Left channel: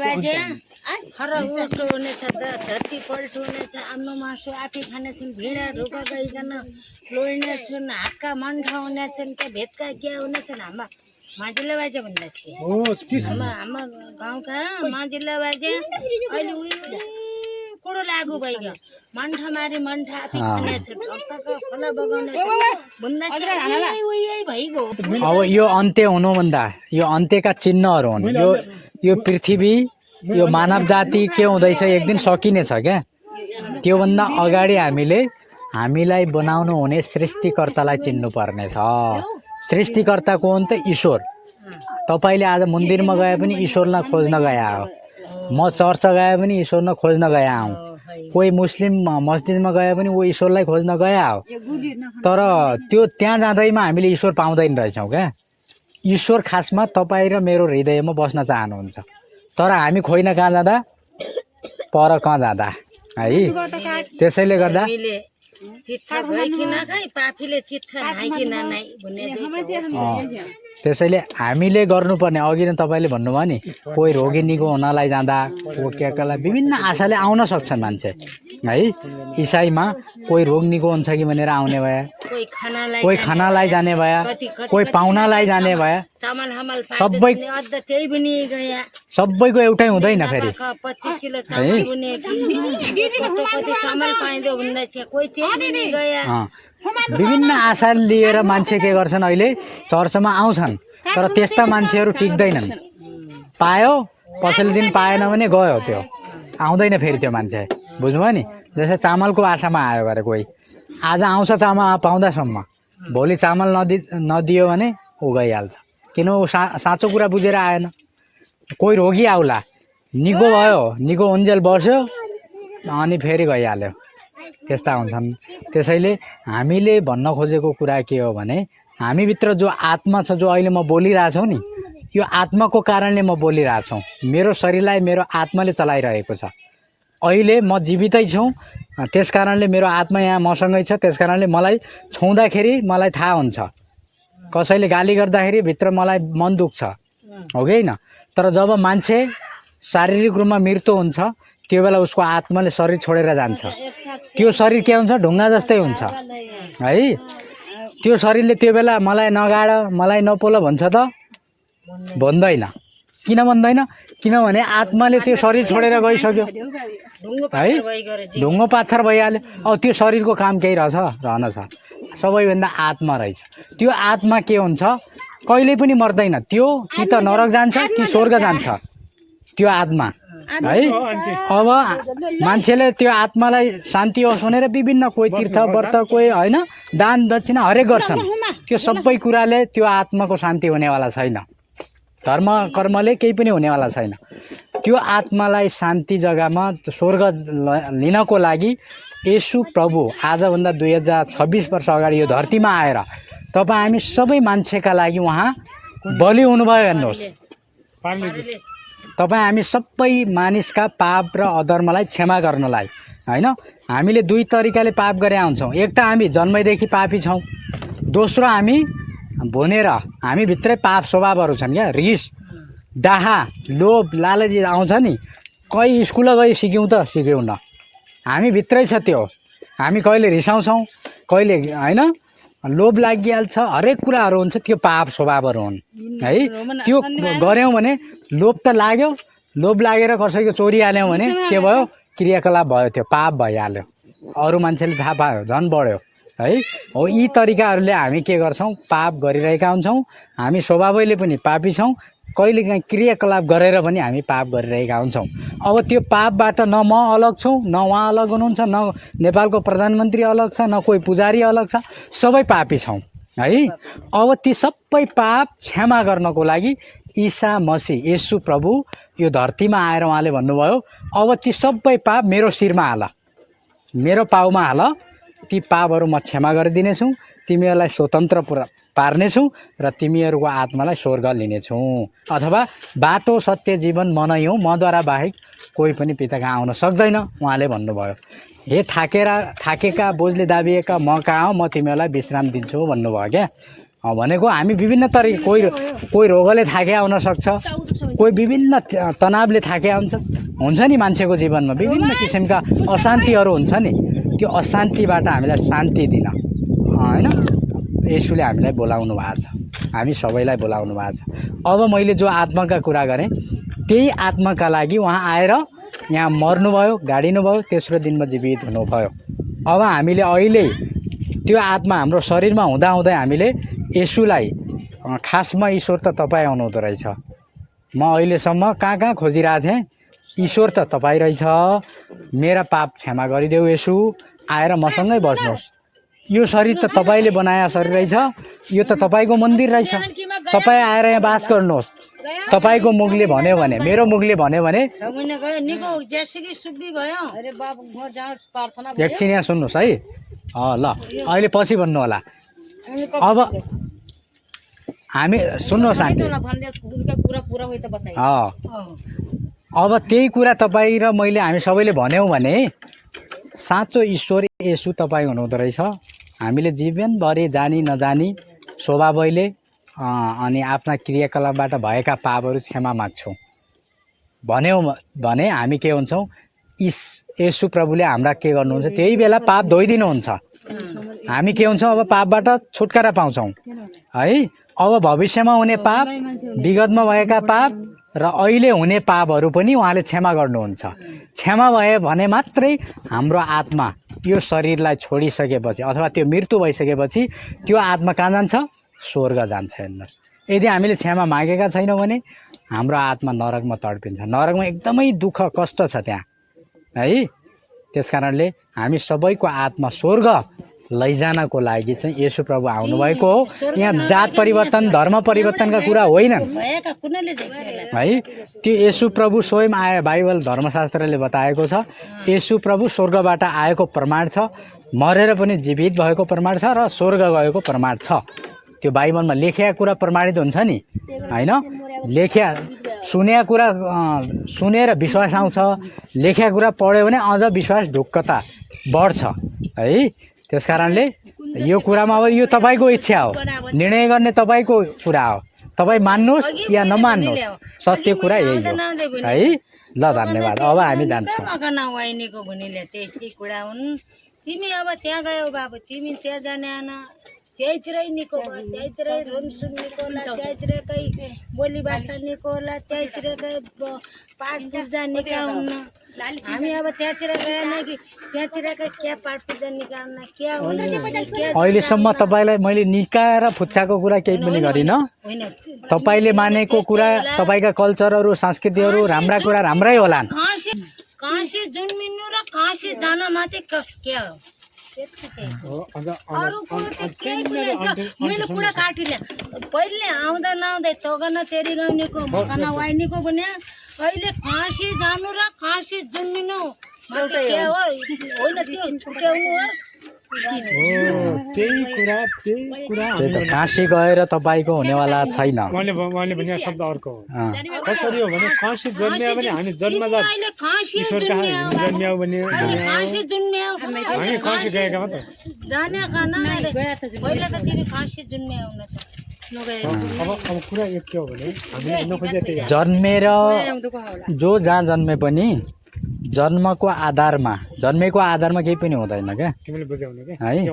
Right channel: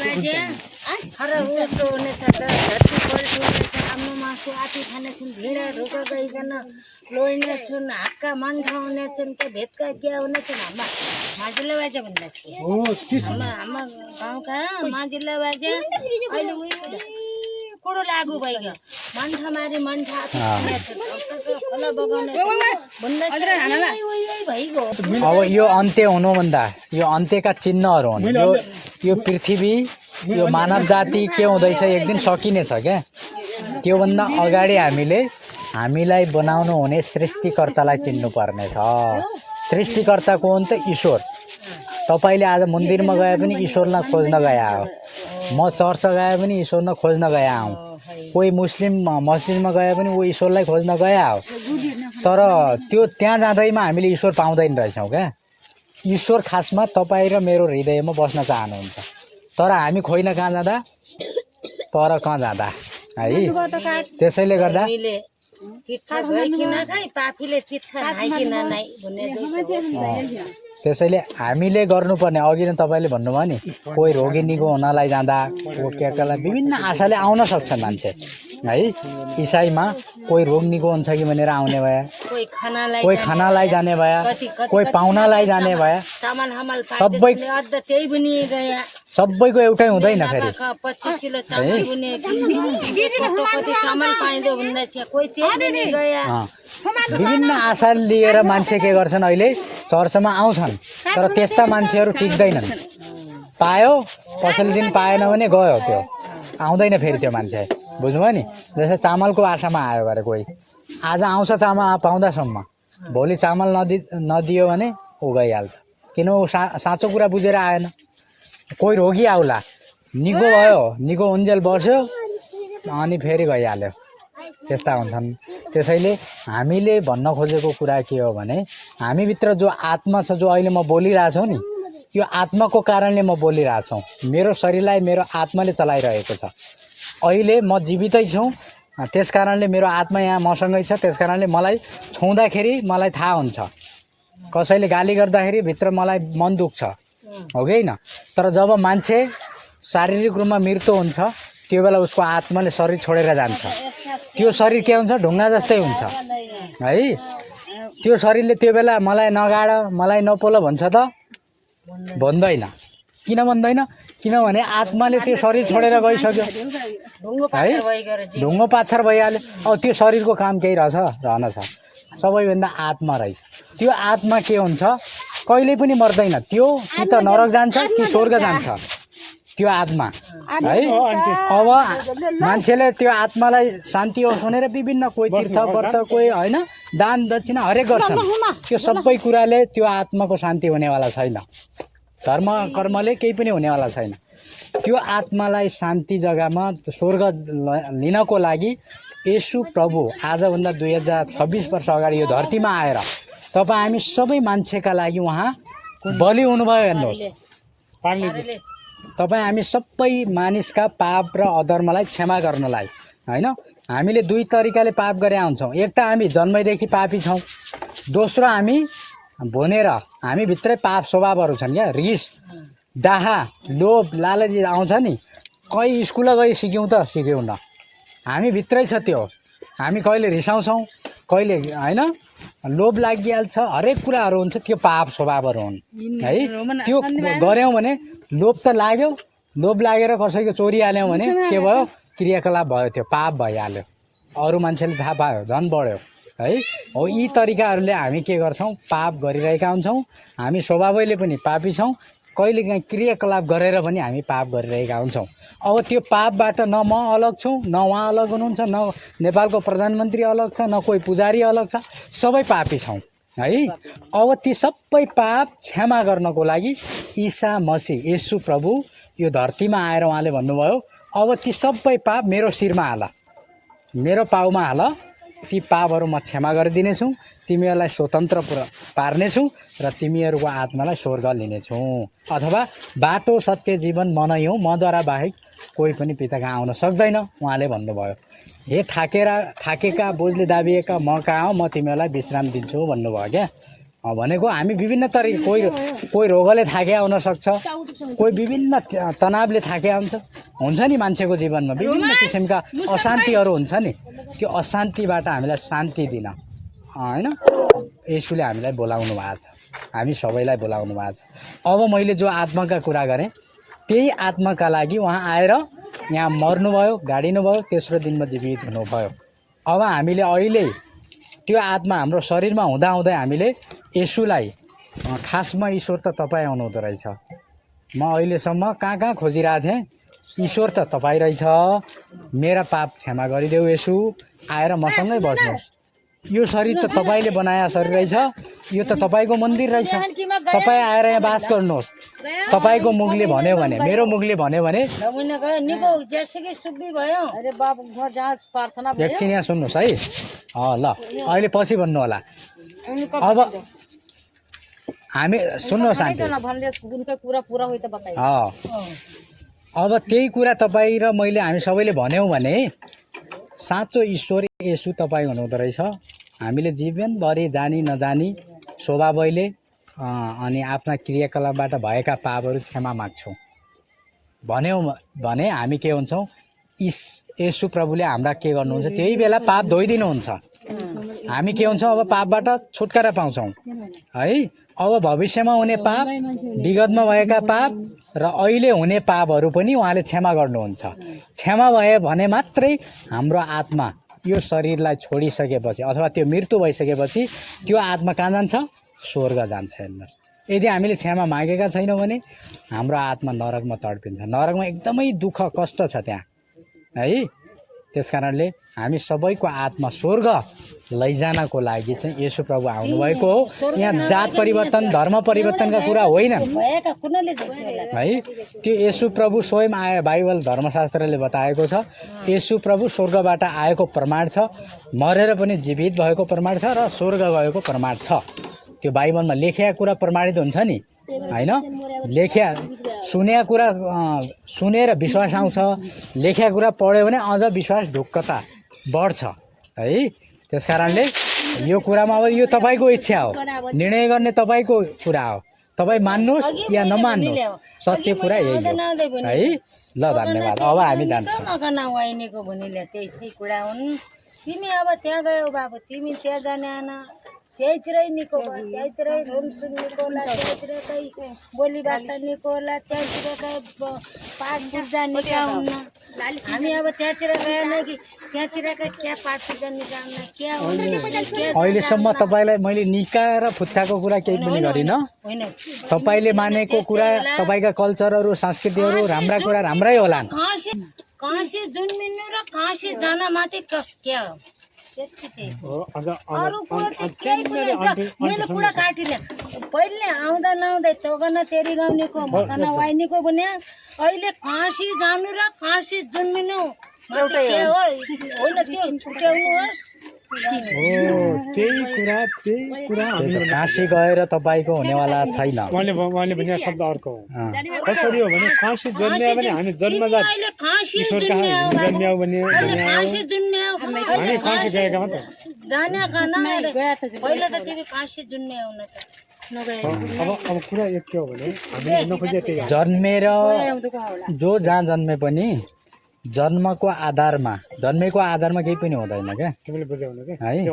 बाजे हर उल्टो हुनेछ धरती पल्टो हुनेछ आफ्नो मासु आफै खानेछन् भिडा ढोका गइकन लोइनेछन् हातका मन्ठा हुनेछन् के भेटका क्या हुनेछन् हाम्रा माझिल्ला बाजे भन्दा छ हाम्रा गाउँका माझिल्ला बाजे अहिले उयो कुडो लागु भइगयो मन्ठा मारी मन्ठा आफै खानेछन् भक्तको खोला बगाउनेछन् भन्दा छ उयो भइगयो। अब यो अन्त्य हुनुभन्दा यो अन्त्यका चिन्हहरू हुन्। यो पृथ्वी यो मानव जाति के हुँदैछ एक दिन सकिनेछ क्या। त्योभन्दा अगाडि हामीलाई बनाउनु हुने सृष्टिकर्तालाई चिन्नु पर्नेछ। सृष्टिकर्ता को हुन् त ईश्वर। तपाईले आज मन्दिरमा गए पनि ईश्वरलाई खोज्न गए हो, म चर्च गए पनि ईश्वरलाई खोज्न गए हौँ, कोही मुस्लिम मस्जिदमा गए पनि वो ईश्वरलाई खोज्न गए हो। तर त्यो त्यहाँ जाँदैमा हामीले ईश्वर पाउँदैन रहेछौँ क्या। ईश्वर खासमा तपाईँ र मेरो हृदयमा बस्न चाहनुहुन्छ। तर हामी खोइन कहाँ जाँदा, पर कहाँ जाँदा है। त्यसैले गर्दा त्यसैले हामीले गर्नुपर्ने अघि नै तपाईले भन्नुभयो नि, कोही रोगी निको हुनलाई जाँदा कोही विभिन्न आशाले आउन सक्छन् मान्छे है। इसाईमा कोही रोग निको हुन्छ कि भनेर आउने भए, कोही खानालाई जाने भए, कोही पाहुनालाई जाने भए, सबैको एउटै हुँदैन फेरि। 25 किलो चामल बुने चामल पाइदो भन्दा छ कोही त्यही नि गया। विभिन्न आशा लिएर मान्छे के गर्छन्, अहिले चर्चमा आउँछन् तर त्यस्ता मान्छेहरू टिक्दैनन्। पायो पछिल्लो दिन पाएन भने गयो, त्यो आउँदैन फेरि त्यो मान्छे। बुझ्नुभयो नि। जस्तै चामलको आशामा आयो गरे कोही, आज आउँछ चामल पाउँदासम्म, भोलि चामल नदियो भने ऊ गइहाल्छ। किन ऊ साँचो कुरा बुझेर आएन। कोही रोगी आउला, निको भयो, निको उन्जेल बस्यो अनि फेरि गइहाल्यो। त्यस्ता हुन्छन्। त्यसैले हामीले भन्न खोजेको कुरा के हो भने, हामीभित्र जो आत्मा छ, जो अहिले म बोलिरहेछु नि, यो आत्माको कारणले म बोलिरहेछु। मेरो शरीरलाई मेरो आत्माले चलाइरहेको छ। अहिले म जीवितै छु, त्यस कारणले मेरो आत्मा यहाँ मसँगै छ। त्यस कारणले मलाई छुँदाखेरि मलाई थाहा हुन्छ, कसैले गाली गर्दाखेरि भित्र मलाई मन दुख्छ, हो कि होइन। तर जब मान्छे शारीरिक रूपमा मृत्यु हुन्छ, त्यो बेला उसको आत्माले शरीर छोडेर जान्छ। त्यो शरीर के हुन्छ, ढुङ्गा जस्तै हुन्छ है। त्यो शरीरले त्यो बेला मलाई नगाड, मलाई नपोल भन्छ त भन्दैन। किन भन्दैन? किनभने आत्माले त्यो शरीर छोडेर गइसक्यो है, ढुङ्गो पाथर भइहाल्यो। अब त्यो शरीरको काम केही रहन्छ, सबैभन्दा आत्मा रहेछ। त्यो आत्मा के हुन्छ, कहिल्यै पनि मर्दैन। त्यो कि त नरक जान्छ कि स्वर्ग जान्छ त्यो आत्मा है। अब मान्छेले त्यो आत्मालाई शान्ति होस् भनेर विभिन्न कोही तीर्थ व्रत, कोही होइन, दान दक्षिणा हरेक गर्छन्। त्यो सबै कुराले त्यो आत्माको शान्ति हुनेवाला छैन। धर्म कर्मले केही पनि हुनेवाला छैन। त्यो आत्मालाई शान्ति जग्गामा स्वर्ग लिनको लागि येशू प्रभु आजभन्दा 2026 वर्ष अगाडि यो धरतीमा आएर तपाईँ हामी सबै मान्छेका लागि उहाँ बलि हुनुभयो। हेर्नुहोस्, तपाईँ हामी सबै मानिसका पाप र अधर्मलाई क्षमा गर्नलाई होइन। हामीले दुई तरिकाले पाप गरे आउँछौँ। एक त हामी जन्मैदेखि पापी छौँ, दोस्रो हामी भनेर हामी भित्रै पाप स्वभावहरू छन् क्या। रिस, डाहा, लोभ, लालची आउँछ नि। कहीँ स्कुल गई सिक्यौँ त सिक्यौँ न, हामी भित्रै छ त्यो। हामी कहिले रिसाउँछौँ, कहिले होइन, लोभ लागिहाल्छ, हरेक कुराहरू हुन्छ। त्यो पाप स्वभावहरू हुन् है। त्यो गऱ्यौँ भने लोभ त लाग्यो, लोभ लागेर कसैको चोरी हाल्यौँ भने के भयो, क्रियाकलाप भयो, त्यो पाप भइहाल्यो। अरू मान्छेले थाहा पायो, झन् बढ्यो है। हो यी तरिकाहरूले हामी के गर्छौँ, पाप गरिरहेका हुन्छौँ। हामी स्वभावैले पनि पापी छौँ, कहिलेकाहीँ क्रियाकलाप गरेर पनि हामी पाप गरिरहेका हुन्छौँ। अब त्यो पापबाट न म अलग छु, न उहाँ अलग हुनुहुन्छ, न नेपालको प्रधानमन्त्री अलग छ, न कोही पुजारी अलग छ, सबै पापी छौँ है। अब ती सबै पाप क्षमा गर्नको लागि ईसा मसीह येशू प्रभु यो धरतीमा आएर उहाँले भन्नुभयो, अब ती सबै पाप मेरो शिरमा हाल, मेरो पाउमा हाल, ती पापहरू म क्षमा गरिदिनेछु, तिमीहरूलाई स्वतन्त्र पार्नेछु र तिमीहरूको आत्मालाई स्वर्ग लिनेछु। अथवा बाटो सत्य जीवन म नै हुँ, मद्वारा बाहेक कोही पनि पिता कहाँ आउन सक्दैन उहाँले भन्नुभयो। हे थाकेका बोझले दाबिएका म कहाँ हो, म तिमीहरूलाई विश्राम दिन्छु भन्नुभयो क्या। भनेको हामी विभिन्न तरिका कोही रोगले थाके आउन सक्छ, कोही विभिन्न तनावले थाके आउँछ हुन्छ नि मान्छेको जीवनमा विभिन्न किसिमका अशान्तिहरू हुन्छ नि। त्यो अशान्तिबाट हामीलाई शान्ति दिन होइन यसुले हामीलाई बोलाउनु भएको छ, हामी सबैलाई बोलाउनु भएको छ। अब मैले जो आत्माका कुरा गरेँ त्यही आत्माका लागि उहाँ आएर यहाँ मर्नुभयो, गाडिनुभयो, तेस्रो दिनमा जीवित हुनुभयो। अब हामीले अहिले त्यो आत्मा हाम्रो शरीरमा हुँदाहुँदै हामीले यसुलाई खासमा ईश्वर त तपाईँ आउनुहुँदो रहेछ, म अहिलेसम्म कहाँ कहाँ खोजिरहेको थिएँ, ईश्वर त तपाईँ रहेछ, मेरा पाप क्षमा गरिदेऊ यसु, आएर मसँगै बस्नुहोस्, यो शरीर त तपाईँले बनाएको शरीर रहेछ, यो त तपाईँको मन्दिर रहेछ, तपाईँ आएर यहाँ बास गर्नुहोस्। तपाईँको मुखले भन्यो भने, मेरो मुखले भन्यो भने एकछिन यहाँ सुन्नुहोस् है, ल अहिले पछि भन्नु होला। अब हामी सुन्नुहोस् अब त्यही कुरा तपाईँ र मैले हामी सबैले भन्यौँ भने साँचो ईश्वर यसु तपाईँ हुनुहुँदो रहेछ। हामीले जीवनभरि जानी नजानी स्वभावैले अनि आफ्ना क्रियाकलापबाट भएका पापहरू क्षमा माग्छौँ भन्यौँ भने हामी के हुन्छौँ, यसु प्रभुले हाम्रा के गर्नुहुन्छ त्यही बेला पाप धोइदिनुहुन्छ, हामी के हुन्छौँ अब पापबाट छुटकारा पाउँछौँ है। अब भविष्यमा हुने पाप, विगतमा भएका पाप र अहिले हुने पापहरू पनि उहाँले क्षमा गर्नुहुन्छ। क्षमा भयो भने मात्रै हाम्रो आत्मा यो शरीरलाई छोडिसकेपछि अथवा त्यो मृत्यु भइसकेपछि त्यो आत्मा कहाँ जान्छ, स्वर्ग जान्छ हेर्नुहोस्। यदि हामीले क्षमा मागेका छैनौँ भने हाम्रो आत्मा नरकमा तडपिन्छ, नरकमा एकदमै दुःख कष्ट छ त्यहाँ है। त्यस कारणले हामी सबैको आत्मा स्वर्ग लैजानको लागि चाहिँ येशू प्रभु आउनुभएको हो। यहाँ जात परिवर्तन धर्म परिवर्तनका कुरा होइन है। त्यो येशू प्रभु स्वयं आए, बाइबल धर्मशास्त्रले बताएको छ येशू प्रभु स्वर्गबाट आएको प्रमाण छ, मरेर पनि जीवित भएको प्रमाण छ र स्वर्ग गएको प्रमाण छ। त्यो बाइबलमा लेखेका कुरा प्रमाणित हुन्छ नि होइन। सुनेका कुरा सुनेर विश्वास आउँछ, लेखेका कुरा पढ्यो भने अझ विश्वास ढुक्कता बढ्छ है। त्यस कारणले यो कुरामा अब यो तपाईँको इच्छा हो, निर्णय गर्ने तपाईँको कुरा हो, तपाईँ मान्नुहोस् या नमान्नुहोस्, सत्य कुरा यही हो है। ल धन्यवाद। अब हामी जान्छौँ। तिमी अब त्यहाँ गयौ बाबु, तिमी त्यहाँ जाने आना, त्यहीतिरै निको भयो, त्यहीतिरै रुनसुन निको होला, त्यहीतिरकै बोली भाषा निको होला, त्यहीतिरकै पाठ पूजा निका हुन्न। हामी अब त्यहाँतिर गएन कि त्यहाँतिरकै क्या पाठ पूजा निका हुन्न, क्या हुन्न। अहिलेसम्म तपाईँलाई मैले निका र फुच्चाको कुरा केही पनि गरिनँ। तपाईँले मानेको कुरा, तपाईँका कल्चरहरू संस्कृतिहरू राम्रा कुरा राम्रै होला। कहाँ से जन्मिनु र कहाँ से जान मात्रै क्या हो, अरू कुरो त केही पनि मैले कुरा काटिनँ। पहिले आउँदा नआउँदै तगन तेरी गाउनेको मकन वाइनीको भने अहिले काँसी जानु र काँसी जन्मिनु एउटै हो होइन, त्यो छुट्याउनुहोस्। काशी गएर तपाईँको हुनेवाला छैन। शब्द अर्को हो। कसरी हो भने काशी जन्मियो भने हामी जन्मजात ईश्वर कहाँ जन्मियौ भने काँसी जन्मियौ हामी काशी गएका मात्र जानेका न पहिला त तिमी काँसी जन्मियौ न त अब कुरा एक के हो भने हामी नखोजे त्यही जन्मेर जो जहाँ जन्मे पनि जन्मेको आधारमा केही पनि हुँदैन क्या, तिमीले बुझ्यौ नि है।